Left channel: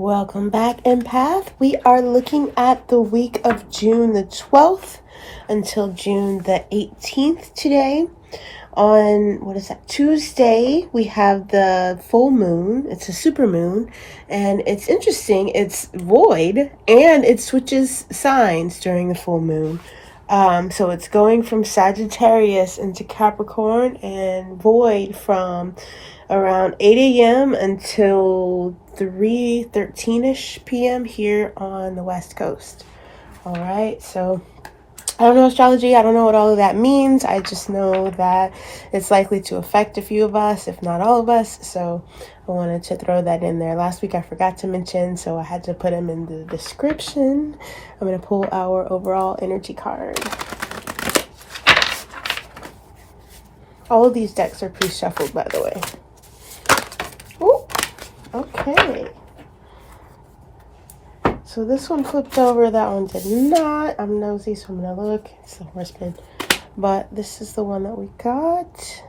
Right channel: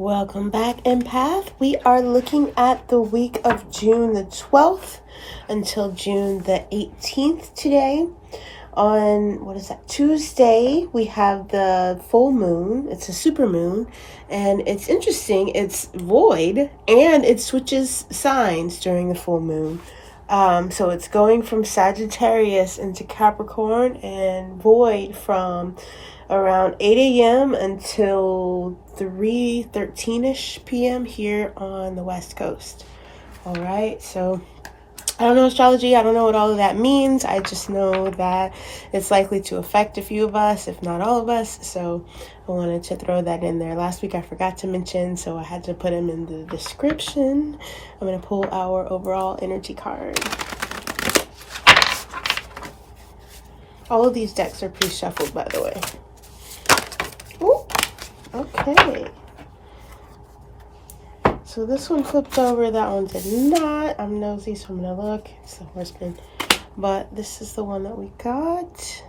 Welcome back, Empath. We are looking at the week of June the 12th until June the 18th today. On, Tuesday, we have the full moon. It's a super moon, and it's interesting. It's void, and it switches signs during the full moon. So it's going from Sagittarius into Capricorn, and void from around 8 a.m. until 3:13ish p.m. here on the West Coast. All right, so I don't know astrology. I don't know what all of that means. I just know that it's likely to affect a few of us, if not all of us. So I wanted to throw that in there. Last week I forgot to mention, so I had to put them in the description. I'm going to pull our overall energy card. All of these decks are pre-shuffled, by the way. Ooh, okay. So this one flipped over, that one did not. I'm nosy, so I'm gonna look. It's the first one. But this is the one that we got.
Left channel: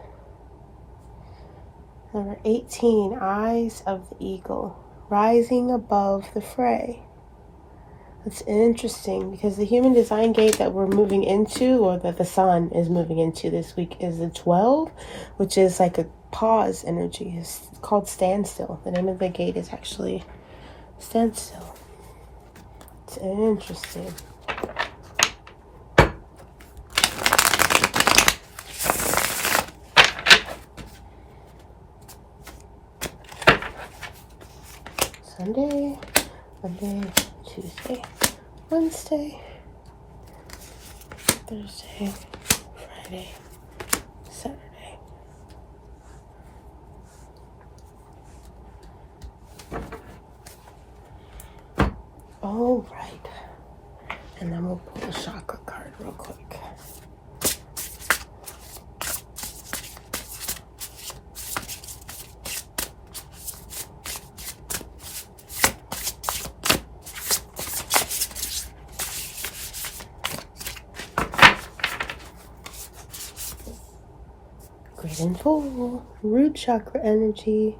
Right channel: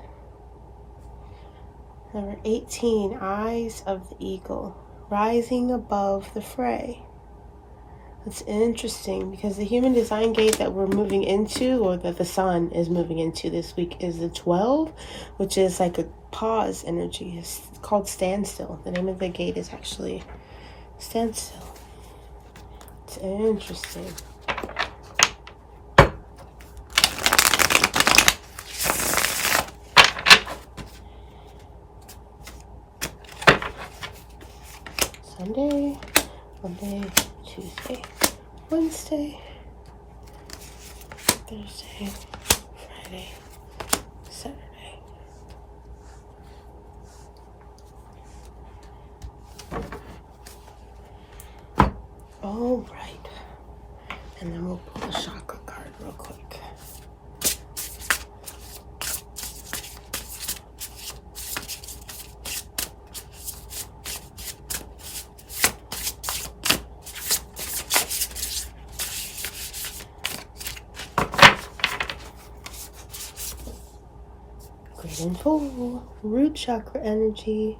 Number 18, Eyes of the Eagle, rising above the fray. It's interesting because the human design gate that we're moving into, or that the sun is moving into this week, is the 12, which is like a pause energy. It's called standstill. The name of the gate is actually standstill. It's interesting. Sunday, Monday, Tuesday, Wednesday, Thursday, Friday, Saturday. All right. And then we'll pull the chakra card real quick. Great and full. Root chakra energy.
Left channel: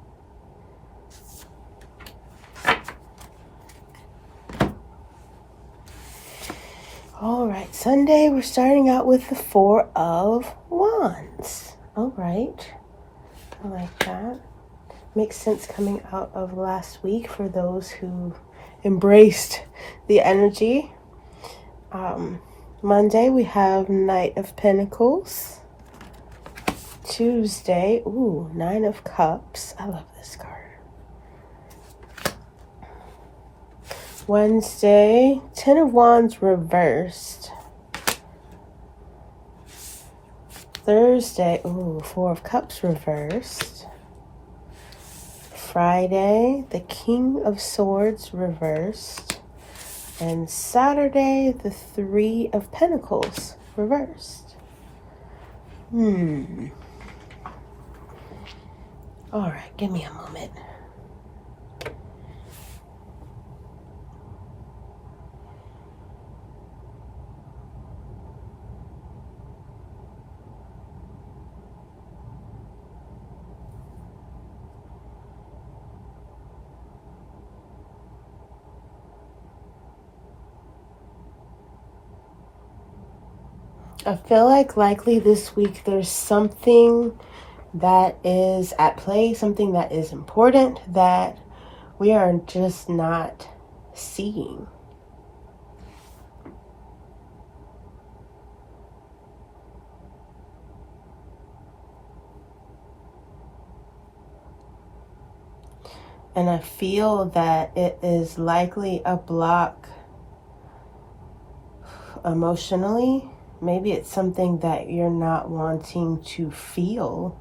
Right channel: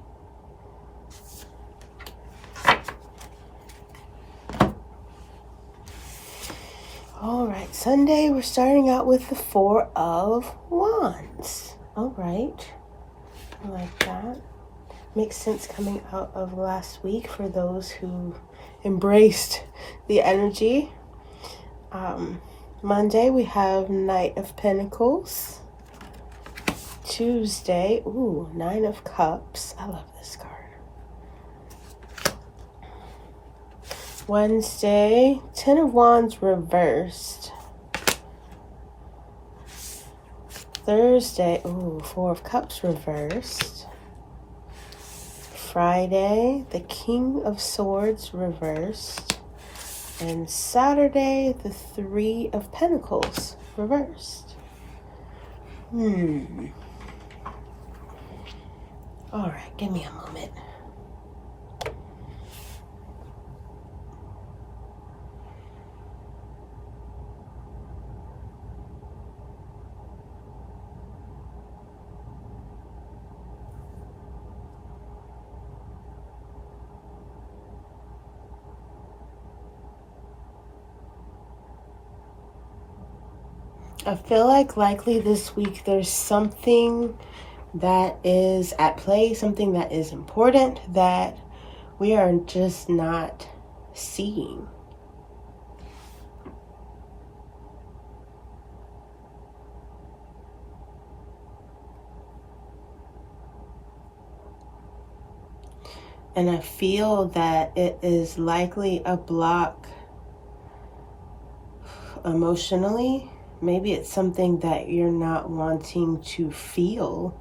All right, Sunday, we're starting out with the Four of Wands. All right, I like that. Makes sense coming out of last week for those who embraced the energy. Monday, we have Knight of Pentacles. Tuesday, Nine of Cups. I love this card. Wednesday, Ten of Wands reversed. Thursday, Four of Cups reversed. Friday, the King of Swords reversed. And Saturday, the Three of Pentacles reversed. All right, give me a moment. I feel like likely this week there's something that is at play, something that is important that we are just not seeing. And I feel that it is likely a block emotionally. Maybe it's something that you're not wanting to feel,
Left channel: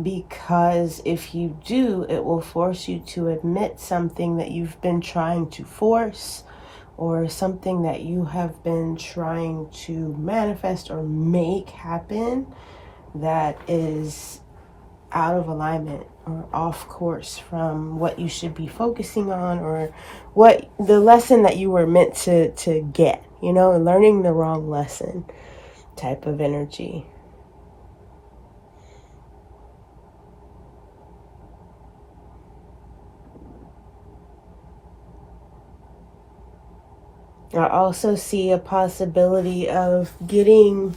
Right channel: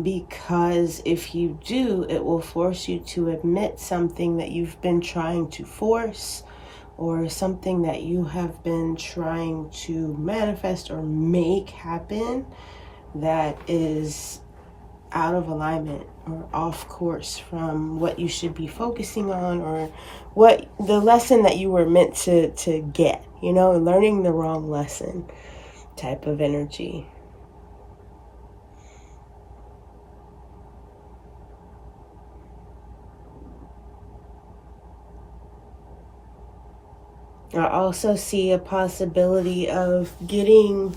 because if you do, it will force you to admit something that you've been trying to force, or something that you have been trying to manifest or make happen that is out of alignment or off course from what you should be focusing on, or what the lesson that you were meant to get, learning the wrong lesson type of energy. I also see a possibility of getting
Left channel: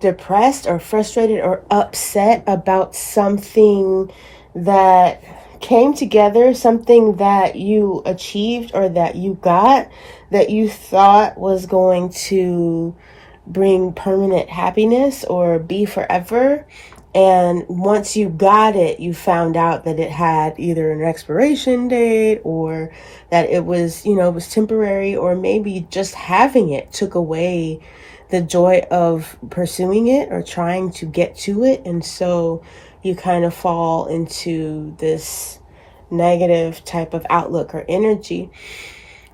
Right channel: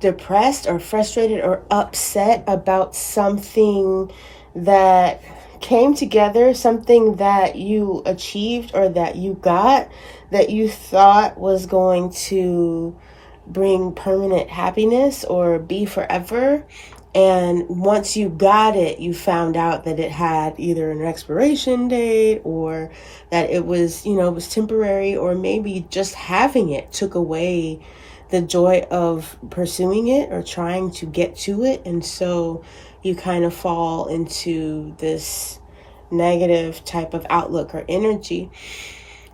depressed or frustrated or upset about something that came together, something that you achieved or that you got, that you thought was going to bring permanent happiness or be forever. And once you got it, you found out that it had either an expiration date, or that it was, it was temporary, or maybe just having it took away the joy of pursuing it or trying to get to it. And so you kind of fall into this negative type of outlook or energy.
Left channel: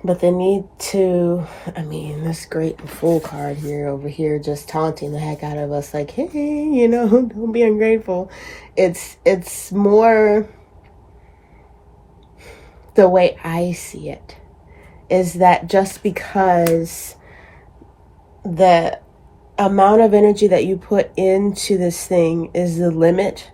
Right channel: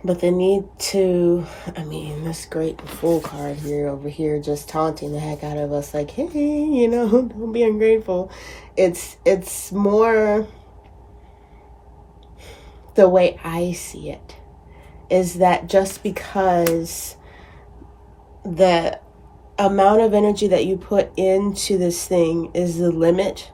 But the need to, this great fool card here over here just taunting the heck out of us, like, hey, don't be ungrateful. It's more the way I see it is that just because the amount of energy that you put into this thing is the limit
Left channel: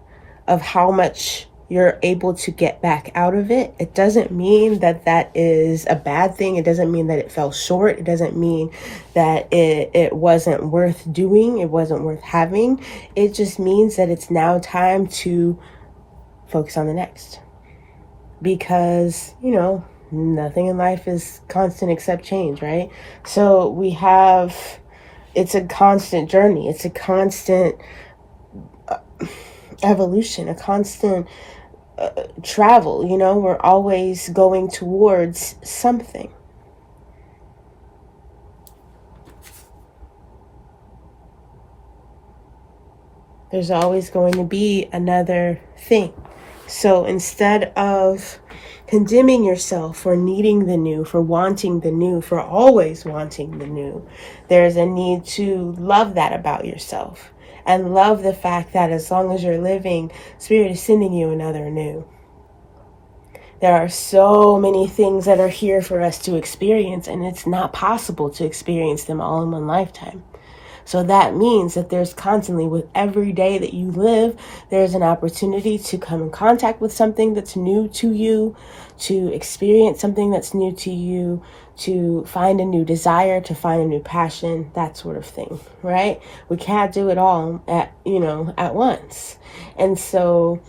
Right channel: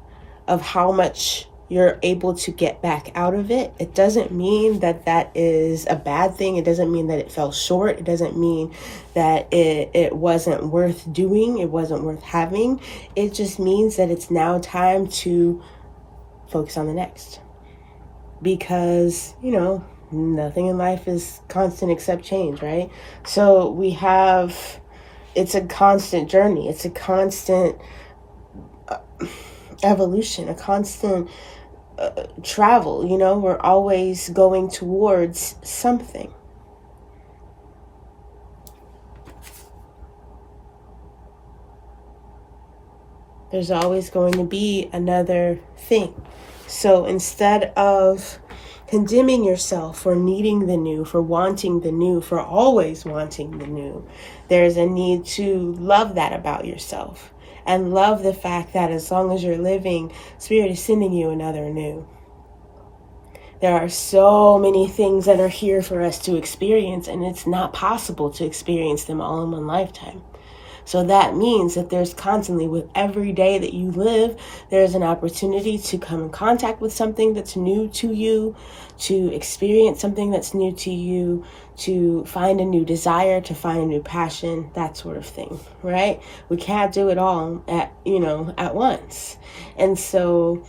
of how much you're able to get back out of it, it doesn't mean that that is a bad thing. It doesn't mean that it fell short. It doesn't mean that it wasn't worth doing. It wasn't worth having. It just means that it's now time to focus on the next. Because, nothing in life is constant except change, right? So it's a constant journey. It's a constant evolution, a constant travel. We're always going towards something. There's always going to be another thing. So instead of condemning yourself for needing the new, for wanting the new, for always wanting the new, there is a need to love that about yourself. And love the fact that as long as you're living, Spirit is sending you another new. There are so many things that are here for us to experience, and it's not possible to experience them all in one lifetime. So that means that there's constantly, with every day that you live, there's an opportunity to come in contact with something that's new to you, to experience something that's new to you, to find a new desire, to find a new passion, that sort of thing, right? We can't do it all at once. And so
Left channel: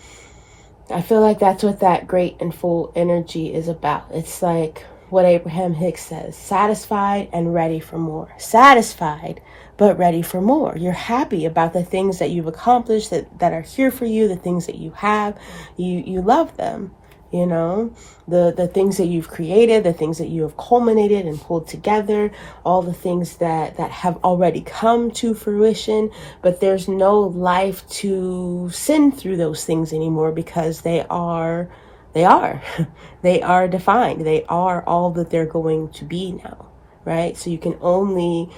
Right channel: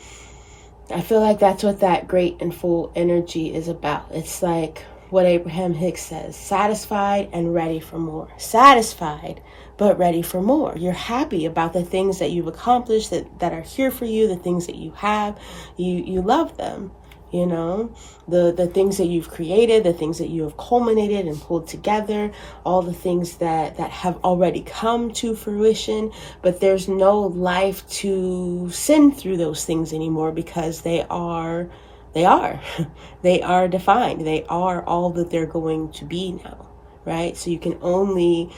I feel like that's what that great and full energy is about. It's like what Abraham Hicks says, satisfied and ready for more. Satisfied, but ready for more. You're happy about the things that you've accomplished, that are here for you, the things that you have. You love them, the things that you've created, the things that you have culminated and pulled together, all the things that have already come to fruition. But there's no life to send through those things anymore, because they are they are defined. They are all that they're going to be now, right? So you can only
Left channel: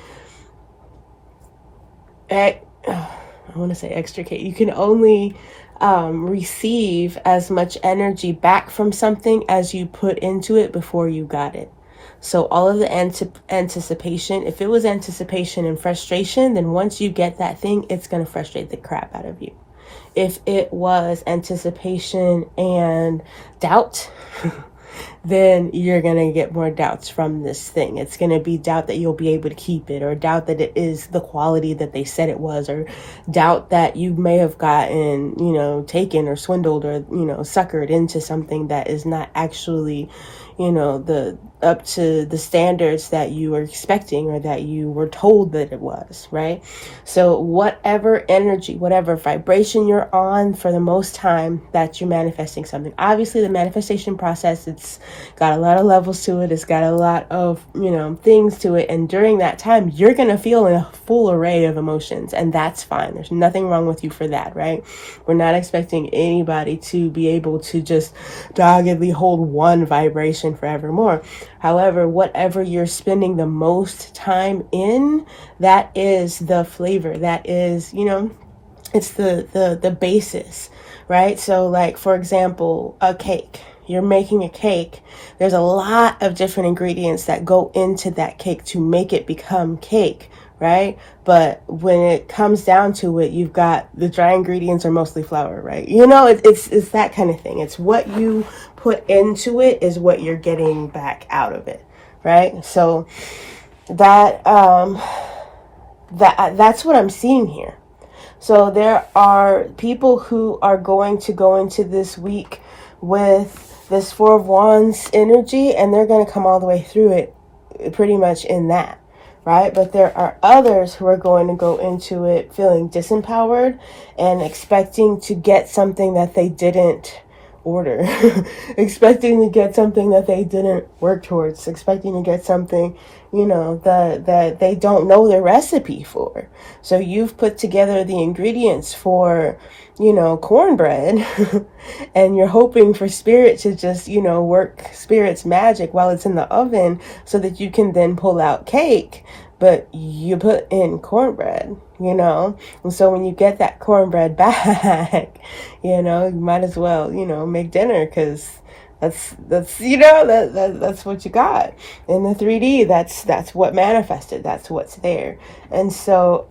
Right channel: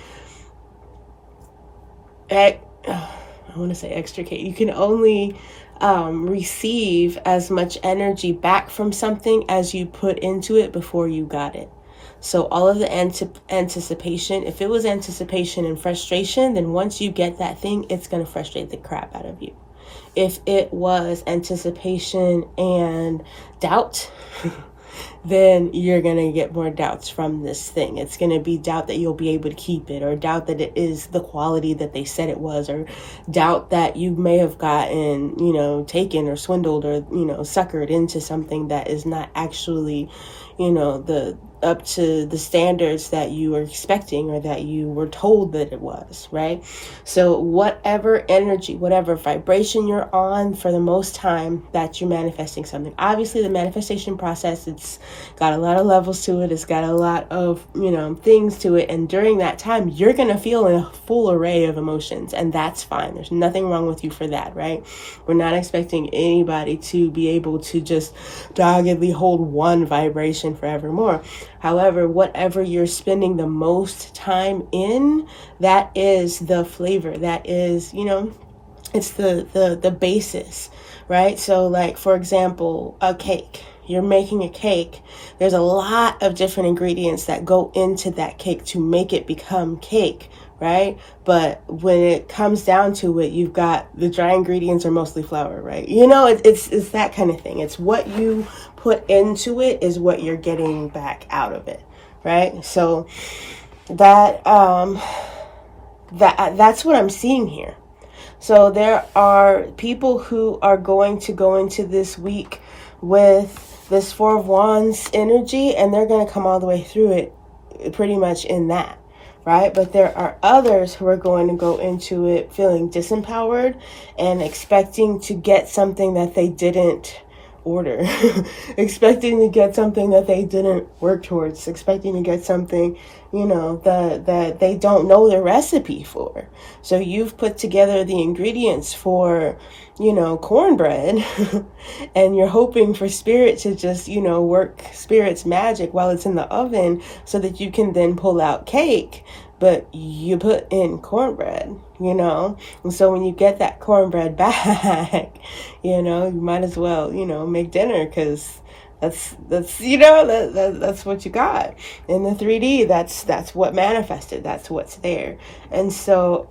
extricate. You can only receive as much energy back from something as you put into it before you got it. So all of the anticipation, if it was anticipation and frustration, then once you get that thing, it's going to frustrate the crap out of you. If it was anticipation and doubt, then you're going to get more doubts from this thing. It's going to be doubt that you'll be able to keep it, or doubt that it is the quality that they said it was, or doubt that you may have gotten, taken or swindled or, suckered into something that is not actually, the up to the standards that you were expecting or that you were told that it was, right? So whatever energy, whatever vibration you're on, for the most time that you're manifesting something. Obviously the manifestation process, it's got a lot of levels to it. It's got a lot of, things to it. And during that time, you're going to feel a full array of emotions, and that's fine. There's nothing wrong with you for that, right? We're not expecting anybody to be able to just doggedly hold one vibration forevermore. However, whatever you're spending the most time in, that is the flavor. That is, it's the basis, right? So like, for example, a cake. You're making a cake. There's a lot of different ingredients that go into that cake to make it become cake, right? But when it comes down to it, you've got the dry ingredients are mostly flour, right? It's that kind of thing. It's what you put into it is what you're getting back out of it. right? So that's what I'm seeing here. So there are people who are going to go into this week with this Four of Wands energy, and they're going to come all the way through it pretty much in that, right? But there are others who are going to go into it feeling disempowered and expecting to get something that they didn't order, expecting to get something that they didn't work towards, expecting to get something, that they don't know the recipe for. So you've put together the ingredients for, cornbread, and you're hoping for spirit to just, work spirit's magic while it's in the oven so that you can then pull out cake. But you put in cornbread, and so when you get that cornbread back, you might as well, make dinner, because that's that's what you got in the 3D. That's what manifested. That's what's there. And so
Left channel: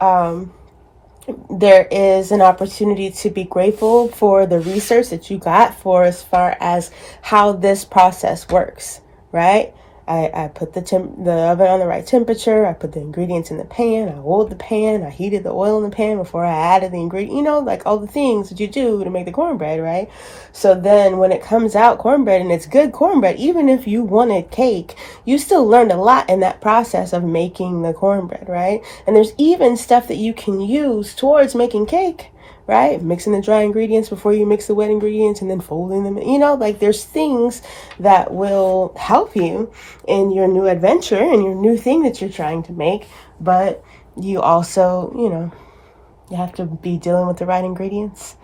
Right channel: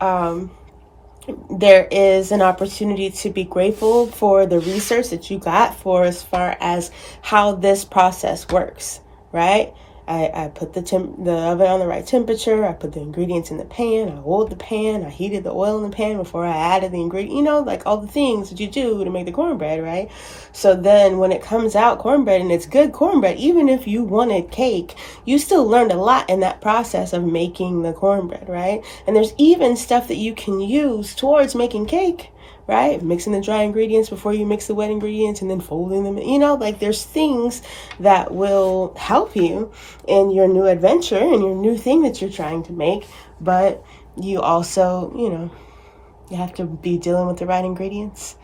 there is an opportunity to be grateful for the research that you got for as far as how this process works, right? I put the oven on the right temperature. I put the ingredients in the pan. I oiled the pan. I heated the oil in the pan before I added the ingredient, like all the things that you do to make the cornbread, right? So then when it comes out cornbread and it's good cornbread, even if you wanted cake, you still learned a lot in that process of making the cornbread, right? And there's even stuff that you can use towards making cake, right? Mixing the dry ingredients before you mix the wet ingredients and then folding them, there's things that will help you in your new adventure and your new thing that you're trying to make. But you also, you have to be dealing with the right ingredients.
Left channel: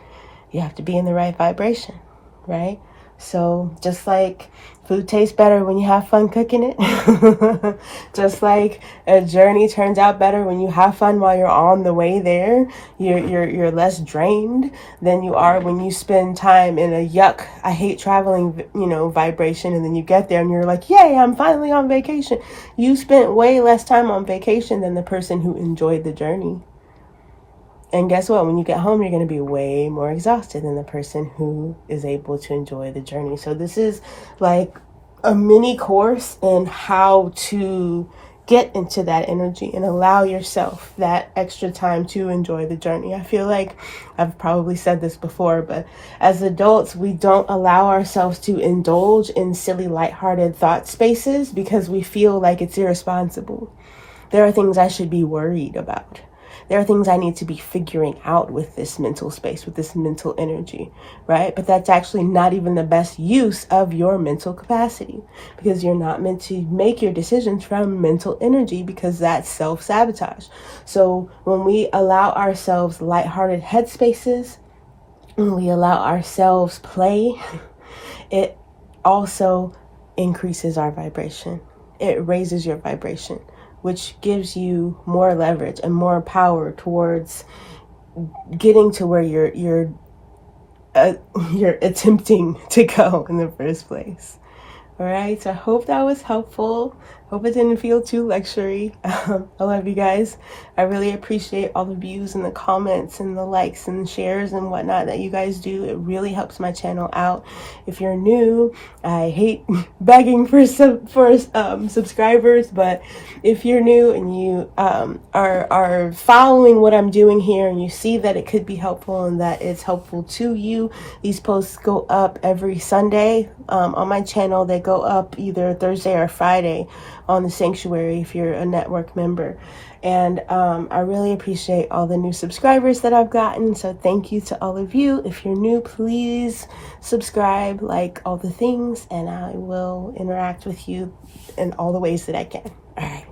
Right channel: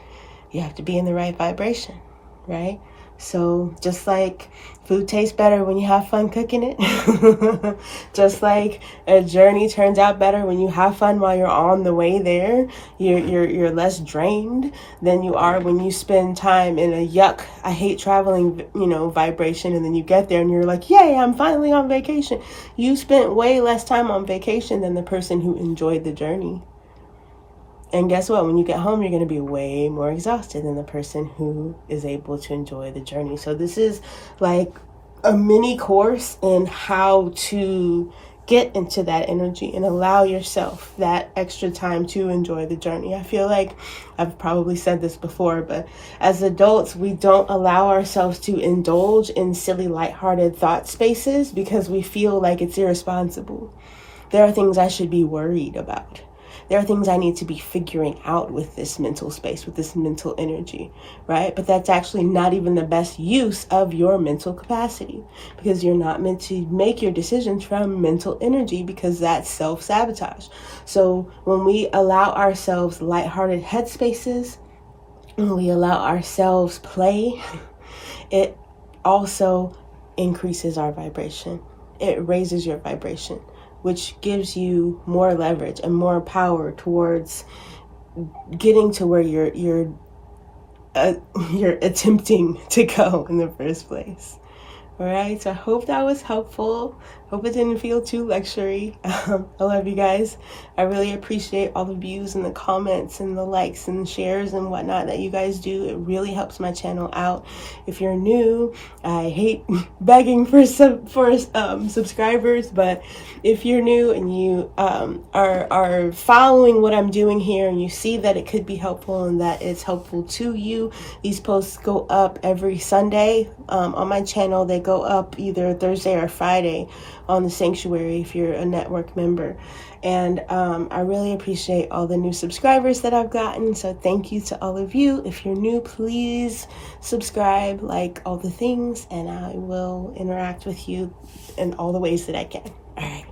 You have to be in the right vibration, right? So just like food tastes better when you have fun cooking it, just like a journey turns out better when you have fun while you're on the way there, you're less drained than you are when you spend time in a yuck, I hate traveling, vibration, and then you get there and you're like, yay, I'm finally on vacation. You spent way less time on vacation than the person who enjoyed the journey. And guess what? When you get home, you're going to be way more exhausted than the person who is able to enjoy the journey. So this is like a mini course in how to get into that energy and allow yourself that extra time to enjoy the journey. I feel like I've probably said this before, but as adults, we don't allow ourselves to indulge in silly, lighthearted thought spaces because we feel like it's irresponsible. There are things I should be worried about. There are things I need to be figuring out with this mental space, with this mental energy, right? But that's actually not even the best use of your mental capacity, because you're not meant to make your decisions from mental energy, because that's self-sabotage. So when we allow ourselves lighthearted headspaces, when we allow ourselves play, it also increases our vibration. It raises your vibration, which gives you more leverage and more power towards getting to where you're attempting to go in the first place. All right, so I hope that was helpful. Hope it didn't feel too lectury. I love you guys. I really appreciate all the views and the comments and the likes and shares and whatnot that you guys do. It really helps my channel out. If you're new, I hate begging for subscribers, but if you're new and you are following what I'm doing here and you see that it could be helpful and that it's helpful to you, these posts go up every Sunday on my channel. They go up either Thursday or Friday on the sanctuary if you're a network member. And I really appreciate all the new subscribers that I've gotten. So thank you to all of you. If you're new, please subscribe, like all the things, and I will interact with you in all the ways that I can. All right.